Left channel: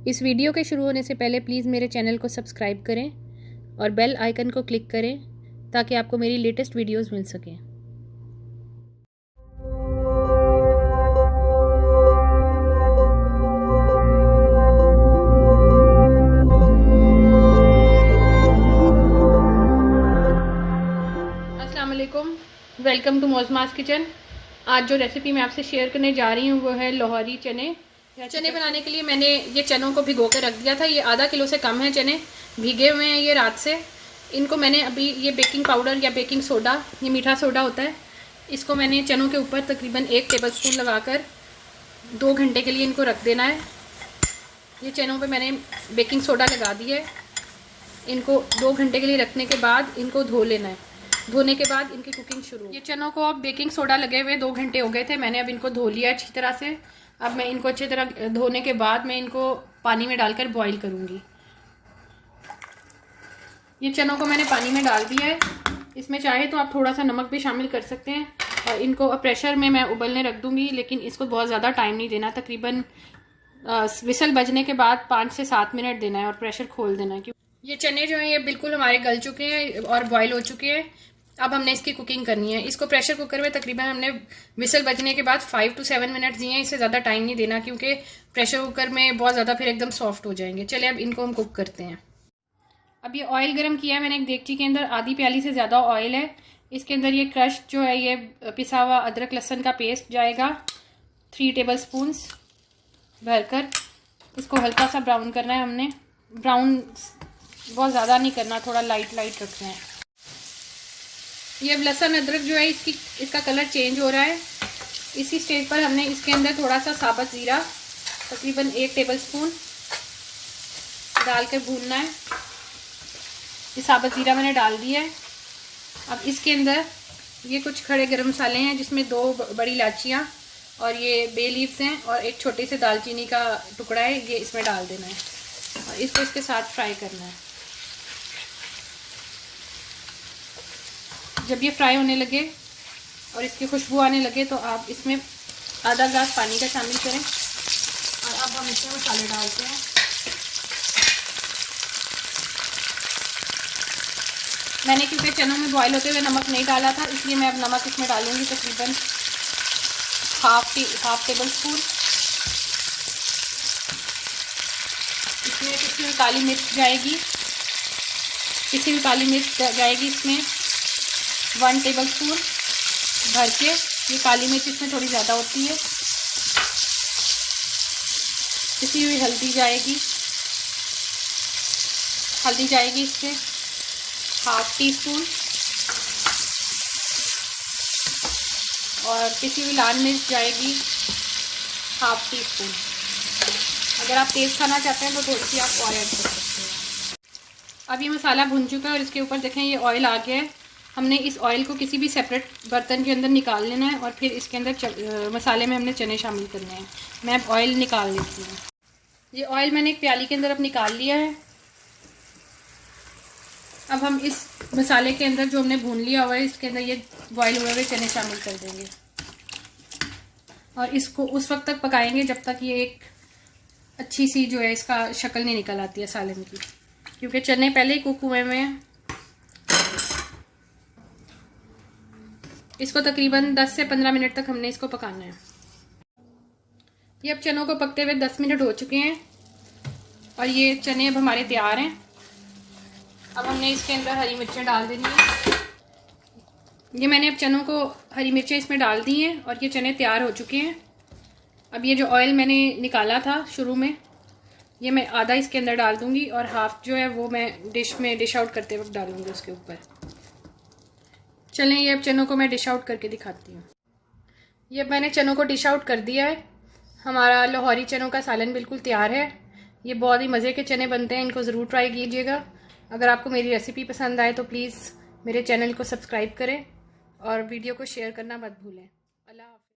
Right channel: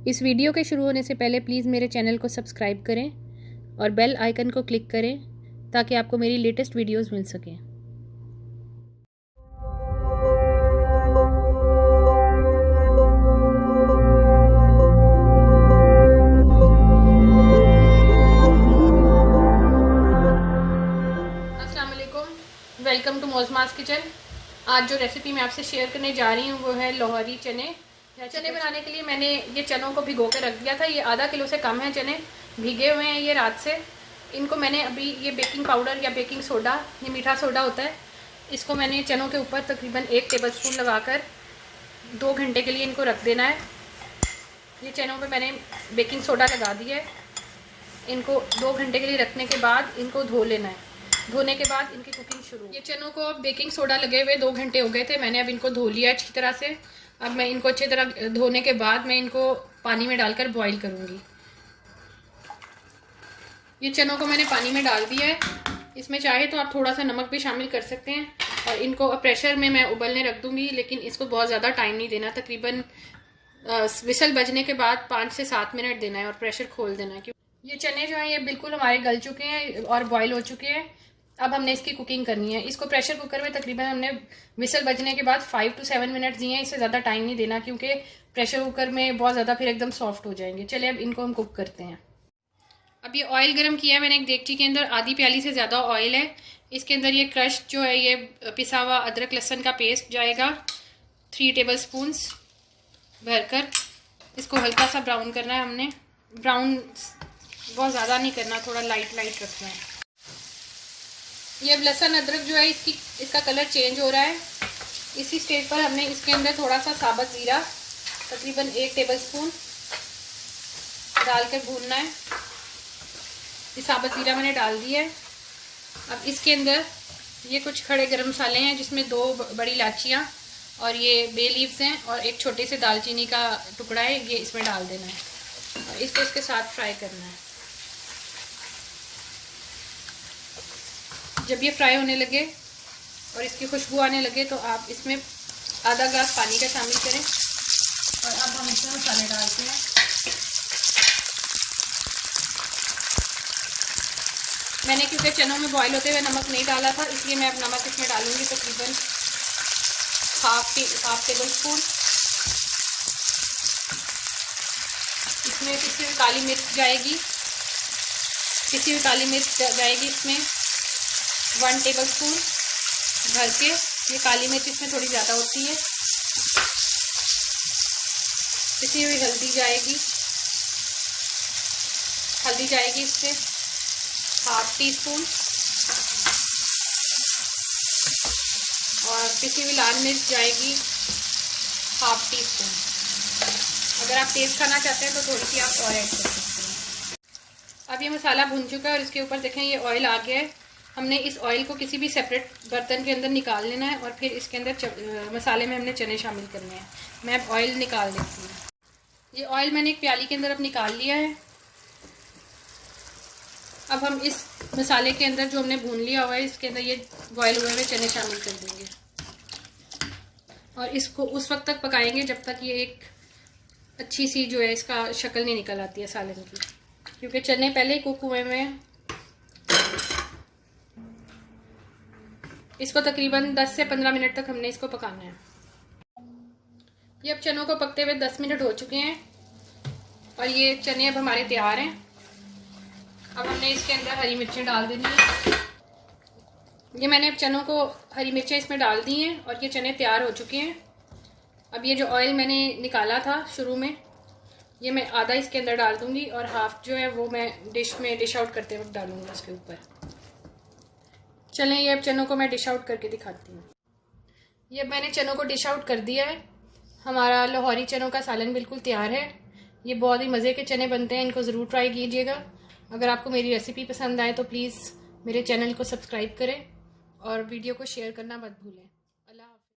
इस वीडियो के शुरू होने से पहले प्लीज़ मेरे चैनल को सब्सक्राइब करें और बेल आइकन को क्लिक करें ताकि आपको मेरी लेटेस्ट वीडियोस मिल सकें। अस्सलाम वालेकुम, वेलकम टू मौज़मास किचन। आज जो रेसिपी मैं आपसे शेयर करने जा रही हूँ वो है लाहौरी चने। चने बनाने के लिए मैंने ये चनों को भिगो कर रख दिया था। ये आधा किलो से कम है चने, भीगे हुए हैं ये रात से। इनको मैंने अभी ये बेकिंग पाउडर या बेकिंग सोडा, ये मीठा सोडा होता है, इसको मैंने चनों के ऊपर तकरीबन 1 टेबलस्पून लगाकर 2 घंटे के लिए इनको रख देना है। ये चनों पे मैंने बेकिंग सोडा लगा दिया है। इनको 2 घंटे के लिए रखने के बाद इनको धो लेना है। धोने के बाद इनकी कुकिंग शुरू। ये चनों को अब बेकिंग सोडा लगे हुए 2 घंटे हो गए थे। मैंने अब इनको धो लिया अच्छी तरह से। अब मैं इनको अच्छी तरह धोने के बाद मैं इनको पानी में डालकर बॉईल करूँगी। ये चनों को मैंने पानी में डाल दिया है। इसमें चाहे तो आप थोड़ा सा नमक भी शामिल कर सकते हैं। और इनको प्रेशर में मैं उबलने रख दूँगी, लेकिन इसको बहुत ज़्यादा टाइम नहीं देना। तकरीबन विसल बजने के बाद 5 से 7 मिनट देना है और प्रेशर खोल देना है। ये चने जो हैं ये बिल्कुल हमारे गल चुके हैं और बॉईल हो चुके हैं। अब हमने इसकी कुकिंग करनी है। इसको प्रेशर कुकर में तकरीबन हमने विसल बजने के बाद 5 से 7 मिनट दिए हैं। इससे ज़्यादा टाइम नहीं देना क्योंकि प्रेशर कुकर में बहुत ज़्यादा फिर एकदम सॉफ्ट हो जाएंगे। चलिए अब इनको हम कुक करते हैं। अब ये ऑयल गर्म किया है मैंने एक देगची के अंदर। आधी प्याली से ज़्यादा ऑयल है। इसके अंदर ये क्रश जो है ये पिसा हुआ अदरक लहसुन का पेस्ट जाएगा 3 टेबलस्पून भरकर। इसको हल्का सा ब्राउन करना है हमने। ब्राउन बहुत ज़्यादा नहीं करना, थोड़ा लाइट रखना है। ये अब लहसुन अदरक जो है इसका कलर चेंज हो रहा है। इसी स्टेज पर हमने इसके अंदर थोड़ा सा साबुत ज़ीरा तकरीबन 1 टेबलस्पून डालकर भूनना है। ये साबुत ज़ीरा मैंने डाल दिया है। अब इसके अंदर ये कुछ खड़े गरम मसाले हैं जिसमें 2 बड़ी इलायचियाँ और ये बे लीव्स हैं और एक छोटे से दालचीनी का टुकड़ा है, ये इसमें डाल देना है। इसको इसके साथ फ्राई करना है। जब ये फ्राई होने लगे और इसकी खुशबू आने लगे तो आप इसमें आधा ग्लास पानी का शामिल करें। और अब हम इसमें मसाले डालते हैं। मैंने क्योंकि चनों में बॉईल होते हुए नमक नहीं डाला था, इसलिए मैं अब नमक इसमें डालूंगी तकरीबन हाफ टेबलस्पून। इसमें पिसी हुई काली मिर्च जाएगी। इसमें 1 टेबलस्पून भर के। ये काली मिर्च इसमें थोड़ी ज़्यादा होती है। पिसी हुई हल्दी जाएगी इससे ½ टीस्पून। और पिसी हुई लाल मिर्च जाएगी ½ टीस्पून। अगर आप तेज़ खाना चाहते हैं तो थोड़ी सी आप और ऐड कर सकते हैं। अब ये मसाला भुन चुका है और इसके ऊपर देखें ये ऑयल आ गया है। हमने इस ऑयल को किसी भी सेपरेट बर्तन के अंदर निकाल लेना है और फिर इसके अंदर मसाले में हमने चने शामिल करने हैं। मैं अब ऑयल निकाल देती हूँ। ये ऑयल मैंने एक प्याली के अंदर अब निकाल लिया है। अब हम इस मसाले के अंदर जो हमने भून लिया हुआ है इसके अंदर ये बॉयल हुए हुए चने शामिल कर देंगे और इसको उस वक्त तक पकाएंगे जब तक ये एक अच्छी सी जो है इसका शक्ल नहीं निकल आती है सालन की, क्योंकि चने पहले ही कुक हुए हैं। इसको तकरीबन 10 से 15 मिनट तक हमने इसको पकाना है। ये अब चनों को पकते हुए 10 मिनट हो चुके हैं और ये चने अब हमारे तैयार हैं। अब हमने इसके अंदर हरी मिर्चें डाल देनी है। ये मैंने अब चनों को हरी मिर्चें इसमें डाल दी हैं और ये चने तैयार हो चुके हैं। अब ये जो ऑयल मैंने निकाला था शुरू में, ये मैं आधा इसके अंदर डाल दूंगी और हाफ जो है वो मैं डिश आउट करते वक्त डालूंगी उसके ऊपर। चलें ये अब चनों को मैं डिश आउट करके दिखाती हूँ। ये अब मैंने चनों को डिश आउट कर दिया है। हमारा लाहौरी चनों का सालन बिल्कुल तैयार है। ये बहुत ही मज़े के चने बनते हैं, इनको ज़रूर ट्राई कीजिएगा। अगर आपको मेरी रेसिपी पसंद आए तो प्लीज़ मेरे चैनल को सब्सक्राइब करें और वीडियो को शेयर करना मत भूलें।